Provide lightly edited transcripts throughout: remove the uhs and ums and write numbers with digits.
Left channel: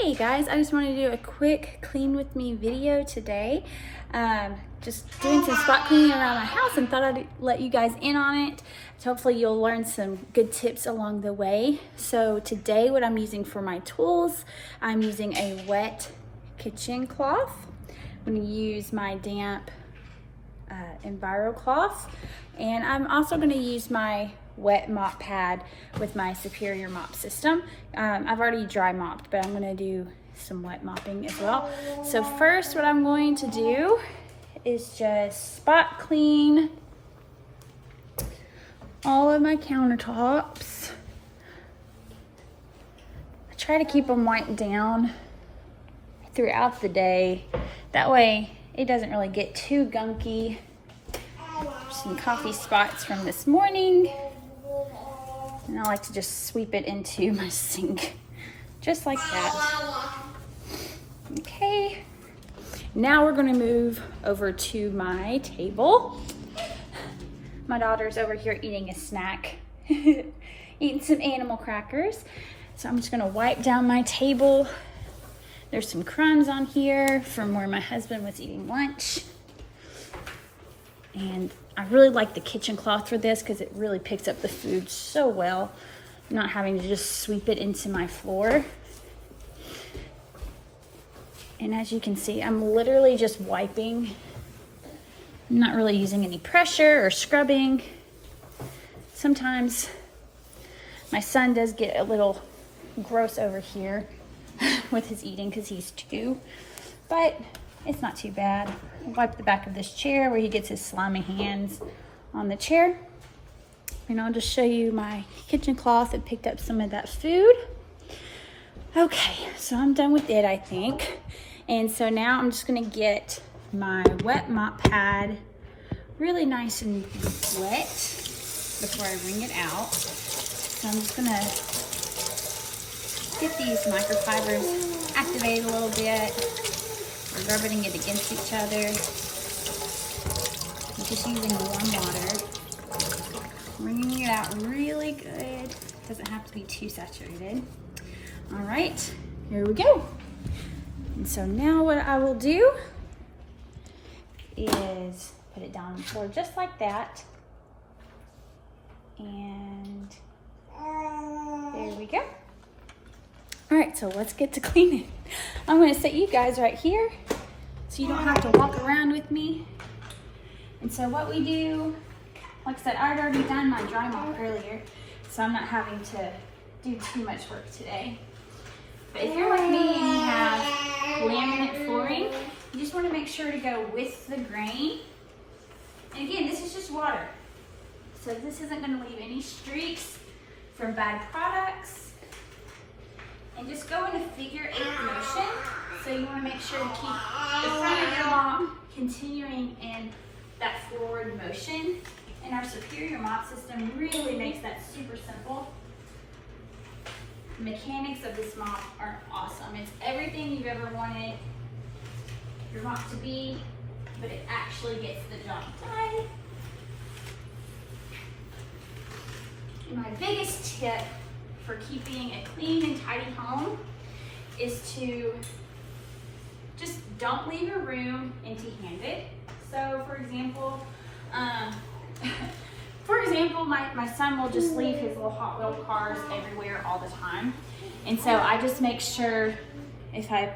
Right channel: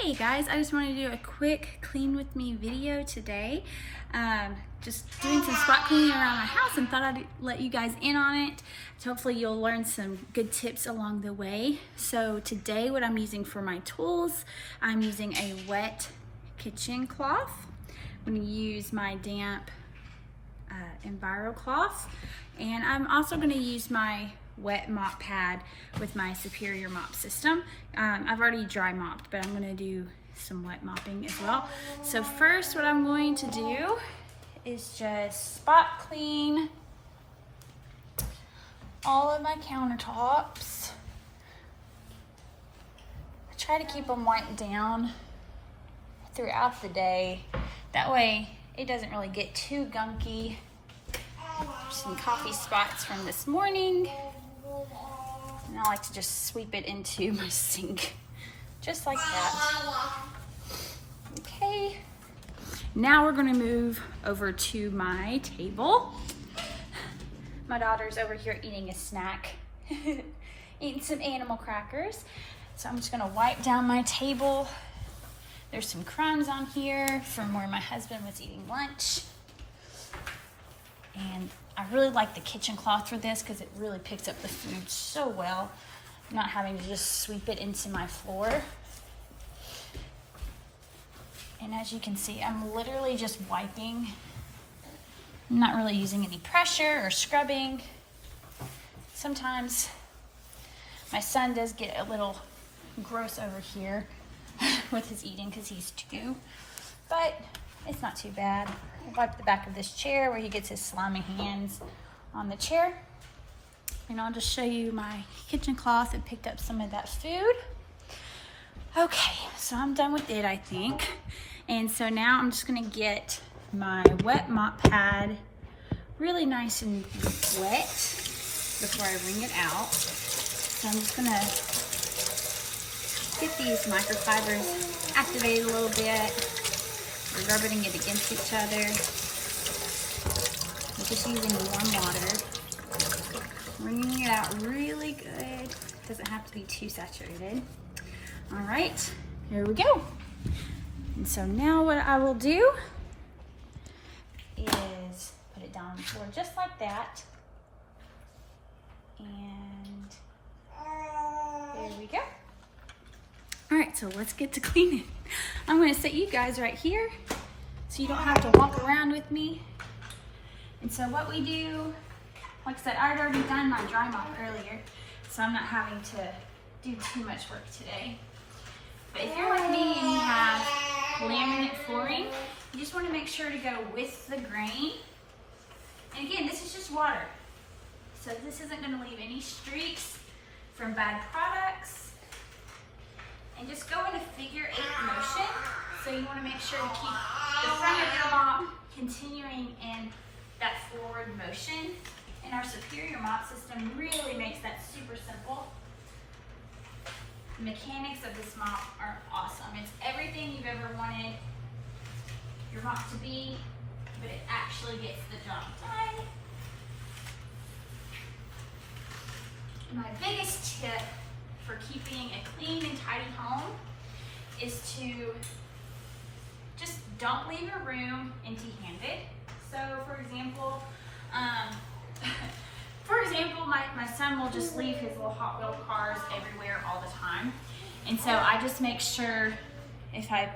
Hey guys, I just wanted to do a quick clean with me video today. Just doing some spot cleaning around my house and thought I'd let you guys in on it. So hopefully you'll learn some good tips along the way. So today what I'm using for my tools, I'm using a wet kitchen cloth. I'm going to use my damp Enviro cloth, and I'm also going to use my wet mop pad with my Superior mop system. I've already dry mopped, but I'm going to do some wet mopping as well. So first what I'm going to do is just spot clean all of my countertops. Try to keep them wiped down throughout the day. That way it doesn't really get too gunky. Some coffee spots from this morning. And I like to just sweep it into my sink, just like that. Okay, now we're gonna move over to my table. My daughter's over here eating a snack, eating some animal crackers. So I'm just gonna wipe down my table. There's some crumbs on here from where my husband was eating lunch. And I really like the kitchen cloth for this because it really picks up the food so well, not having to just sweep it into my floor. And as you can see, I'm literally just wiping. I'm not really using any pressure or scrubbing. Sometimes my son does get a little gross over here with his eating because he's 2, but it's not too bad. Wipe the back of this chair where he gets his slimy hands on the chair. And I'll just show you my kitchen cloth that picked up some of that food. Okay, so I'm done with it, I think. And so now I'm just gonna get my wet mop pad really nice and wet before I wring it out. So I'm just gonna get these microfibers activated a little bit. Rubbing it against each other. I'm just using warm water. Wringing it out really good. Doesn't have to be too saturated. All right, here we go. And so now what I will do is put it down on the floor just like that. And there we go. All right, so let's get to cleaning. I'm gonna set you guys right here so you don't have to walk around with me. And so what we do, like I said, I'd already done my dry mop earlier, so I'm not having to do too much work today. But if you're like me and you have laminate flooring, you just wanna make sure to go with the grain. And again, this is just water. So this isn't gonna leave any streaks from bad products. And just go in a figure-8 motion. So you want to make sure to keep the front of your mop continuing in that forward motion. And our Superior mop system really makes that super simple. The mechanics of this mop are awesome. It's everything you've ever wanted your mop to be, but it actually gets the job done. And my biggest tip for keeping a clean and tidy home is to just don't leave your room empty-handed. So for example, my son will just leave his little Hot Wheel cars everywhere all the time. And so I just make sure if I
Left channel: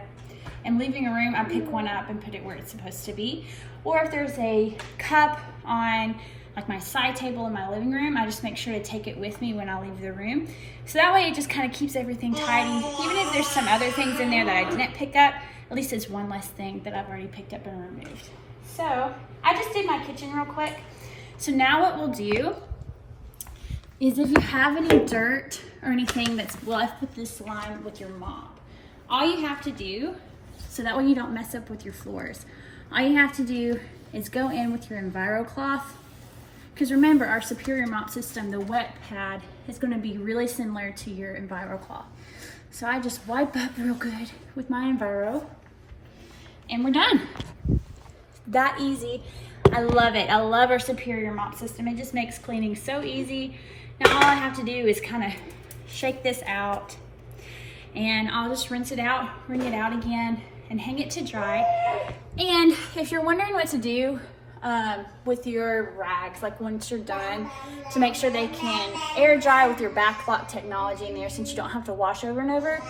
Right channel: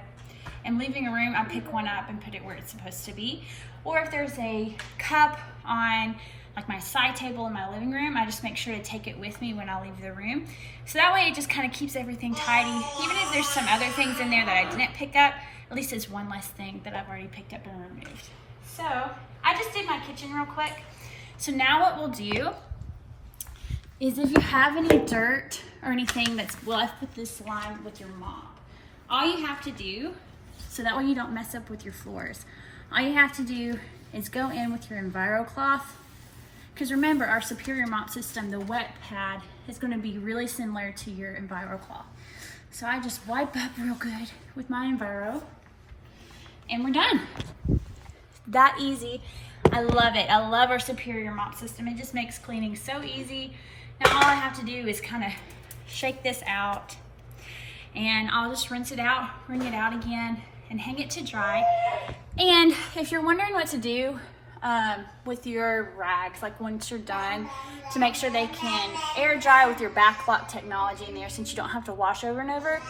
am leaving a room, I pick one up and put it where it's supposed to be. Or if there's a cup on like my side table in my living room, I just make sure to take it with me when I leave the room. So that way it just kind of keeps everything tidy. Even if there's some other things in there that I didn't pick up, at least it's one less thing that I've already picked up and removed. So I just did my kitchen real quick. So now what we'll do is if you have any dirt or anything that's left with this line with your mop, all you have to do, so that way you don't mess up with your floors, all you have to do is go in with your Enviro cloth. Because remember, our Superior mop system, the wet pad, is going to be really similar to your Enviro cloth. So I just wipe up real good with my Enviro, and we're done. That easy. I love it. I love our Superior mop system. It just makes cleaning so easy. Now all I have to do is kind of shake this out And I'll just rinse it out, wring it out again, and hang it to dry. And if you're wondering what to do with your rags, like once you're done, to make sure they can air dry with your backlock technology in there, since you don't have to wash over and over,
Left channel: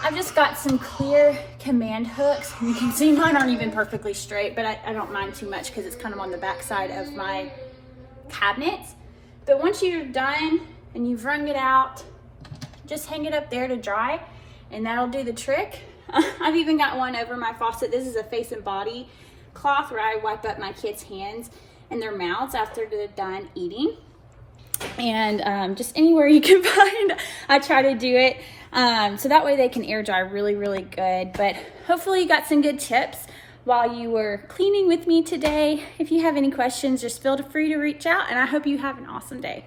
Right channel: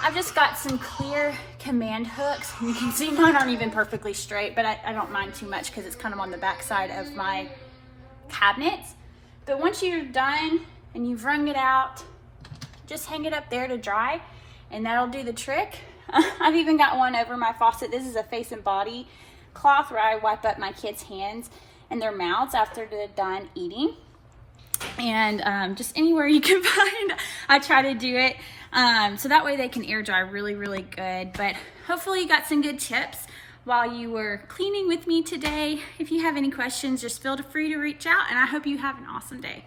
I've just got some clear command hooks. You can see mine aren't even perfectly straight, but I don't mind too much because it's kind of on the back side of my cabinets. But once you're done and you've wrung it out, just hang it up there to dry, and that'll do the trick. I've even got one over my faucet. This is a face and body cloth where I wipe up my kids' hands and their mouths after they're done eating. And just anywhere you can find, I try to do it. So that way they can air dry really, really good. But hopefully you got some good tips while you were cleaning with me today. If you have any questions, just feel free to reach out, and I hope you have an awesome day.